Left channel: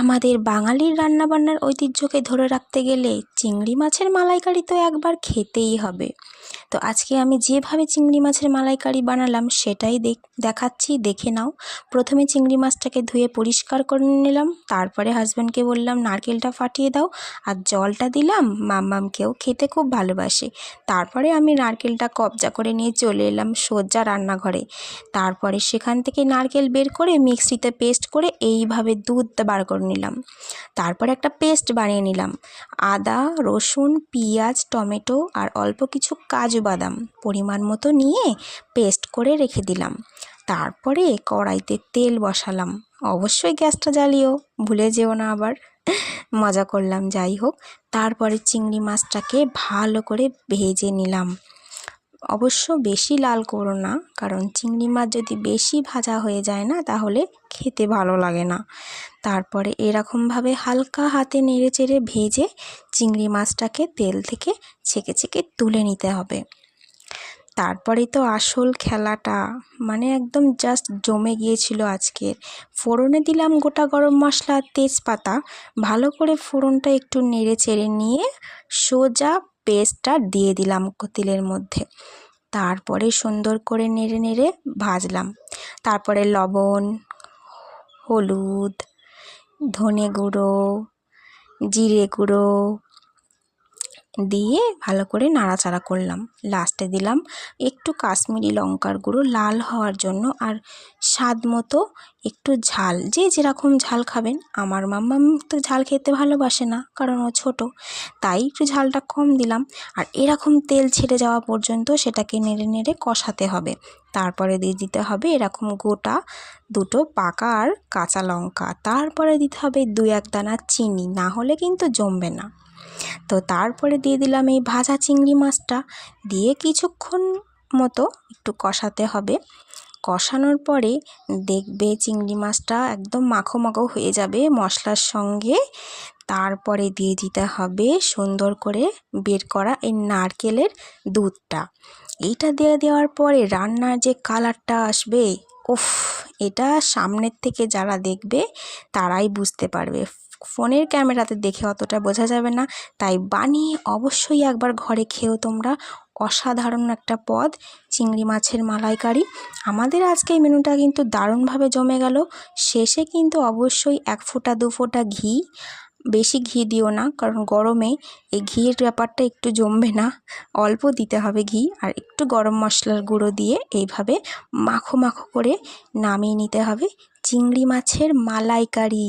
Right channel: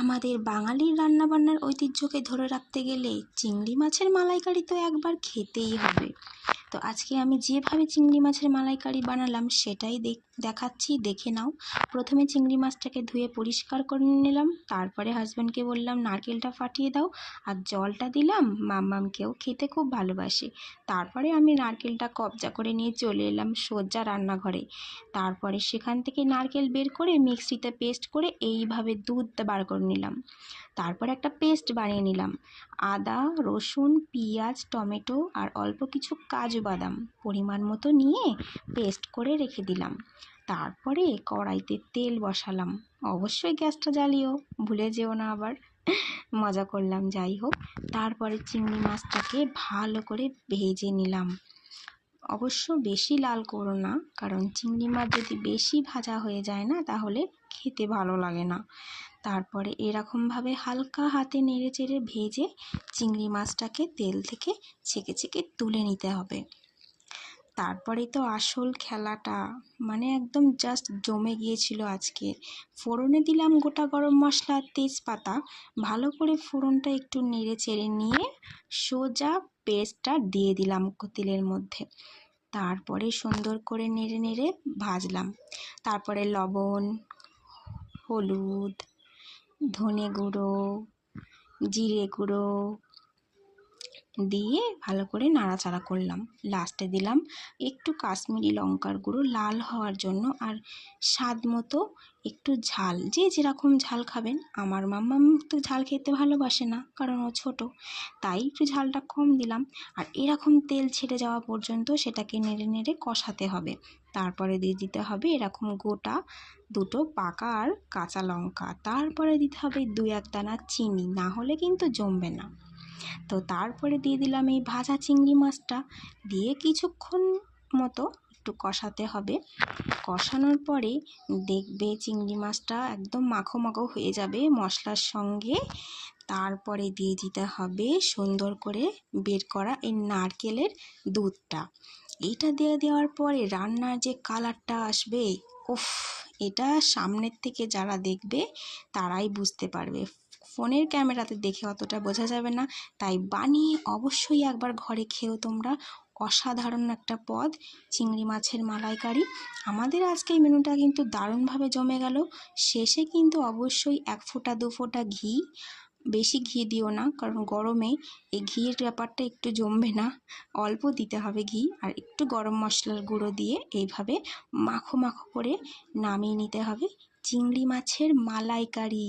আমাদের বাঙালির রান্নাবান্নার ঐতিহ্যকে ধরে রাখতে গেলে চিংড়ি মাছের মালাইকারি তো একবার খেতেই হবে। তো আজকে আমি যেভাবে চিংড়ি মাছের মালাইকারি বানালাম সেটাই দেখাচ্ছি, দেখে নাও। প্রথমে চিংড়ি মাছটাকে ধুয়ে পরিষ্কার করে নিলাম, তারপরে হাজব্যান্ডকে বললাম নারকেলটা ফাটিয়ে দাও, আর জলটা দিলাম। মাম্মামকেও খেতে খুব ভালোবাসে। তারপরে আমি নারকেলটা কবজা করে নিয়ে চলে এলাম সোজা রান্নাঘরে। তারপরে সেখান থেকে নারকেল বের করে মিক্সিতে পেস্ট করে এইভাবে দুধ বার করে নিলাম। তারপরে একটা পেস্ট বানিয়ে নিলাম। আদা, রসুন, পেঁয়াজ, টমেটো আর অল্প কিছু কাজু বাদাম পরিমাণ মতো নিয়ে পেস্ট করে রেখে দিলাম। তারপরে কড়াইতে তেল বসালাম। অবশ্যই গ্যাসটা জ্বালিও, ভুলে যেও না আবার। মজা করলাম, যাই হোক। তারপরে চিংড়ি মাছটাকে ভালো করে ভেজে নিলাম। অবশ্য বেশি লাল করো না, কারণ চিংড়ি মাছ যদি বেশি ভাজা হয়ে যায় না তাহলে খেতে ভালো লাগে না। তারপরে এরকমভাবে হালকা হাতে নেড়ে চেড়ে ভেজে চিংড়ি মাছটাকে তেল থেকে ছেঁকে ছেঁকে তুলে নিতে হবে। তারপরেই তো আসল খেলাটা, মানে একদম জাস্ট জমে গিয়েছিল আজকে। ফোড়নে দিলাম গোটা গরম মশলা, তেজপাতা। ভালো করে ফোড়নটা একটু নেড়ে চেড়ে নিয়ে সোজা পেস্টটা দিয়ে দিলাম তেলের মধ্যে। তারপরে সুন্দর করে নেড়ে নেড়ে ভাজলাম। তারপরে লবণ, হলুদ, ধনে গুঁড়ো, জিরে গুঁড়ো দিয়ে ভালো করে নাড়াচাড়া করলাম। লাস্টে দিলাম একটু কাশ্মীরি লঙ্কার গুঁড়ো লাল হওয়ার জন্য, আর স্বাদ মতো একটু ঝাল, যে যেরকম ঝাল খাবেন। আমার মাম্মাম তো ঝাল খেতে ভালোবাসে না, কারণ ও ছোটো, তাই একটু ঝালটা কম দিলাম। আর এরকম তেল ছেড়ে যাওয়া পর্যন্ত সেটাকে নেড়ে নেড়ে কষাতে হবে। তারপরে দিয়ে দিতে হবে এরকম গোটা দুটো পাকা আর কাঁচা লঙ্কা। তারপরে দিতে হবে 2-1 দানা চিনি, না হলে কিন্তু জমবে না। তো তারপরে দিয়ে দিলাম এই ভাজা চিংড়ি মাছটা, দিয়ে কিছুক্ষণ মতো একটু কষাতে হবে। কষানোর পরে দেখবে চিংড়ি মাছটা একদম মাখো মাখো হয়ে যাবে মশলার সঙ্গে। তারপরে দিয়ে দিতে হবে সুন্দর করে বের করা এই নারকেলের দুধটা। এইটা দিয়ে দেওয়ার পরে রান্নার যে কালারটা আসবে, উফ, এটা সামনের থেকে যারা দেখবে তারাই বুঝতে পারবে। ফোনের ক্যামেরাতে দেখে অতটা বোঝা যাবে না, তাই বানিয়ে অবশ্যই একবার ঘরে খেও তোমরা। অসাধারণ একটা পদ চিংড়ি মাছের মালাইকারি। আমাদের আজকে এই মেনুটা কিন্তু দারুণভাবে জমে গেল। শেষে কিন্তু অবশ্যই 1 ফোঁটা 2 ফোঁটা ঘি, বেশি ঘি দিও না, কারণ গরমে এই ঘিয়ের ব্যাপারটা একটু জমবে না। অল্প দিতে হবে ঘি, আর একটু গরম মশলার গুঁড়ো দিয়ে এইভাবে মাখো মাখো করে নামিয়ে নিতে হবে চিংড়ি মাছের মালাইকারি।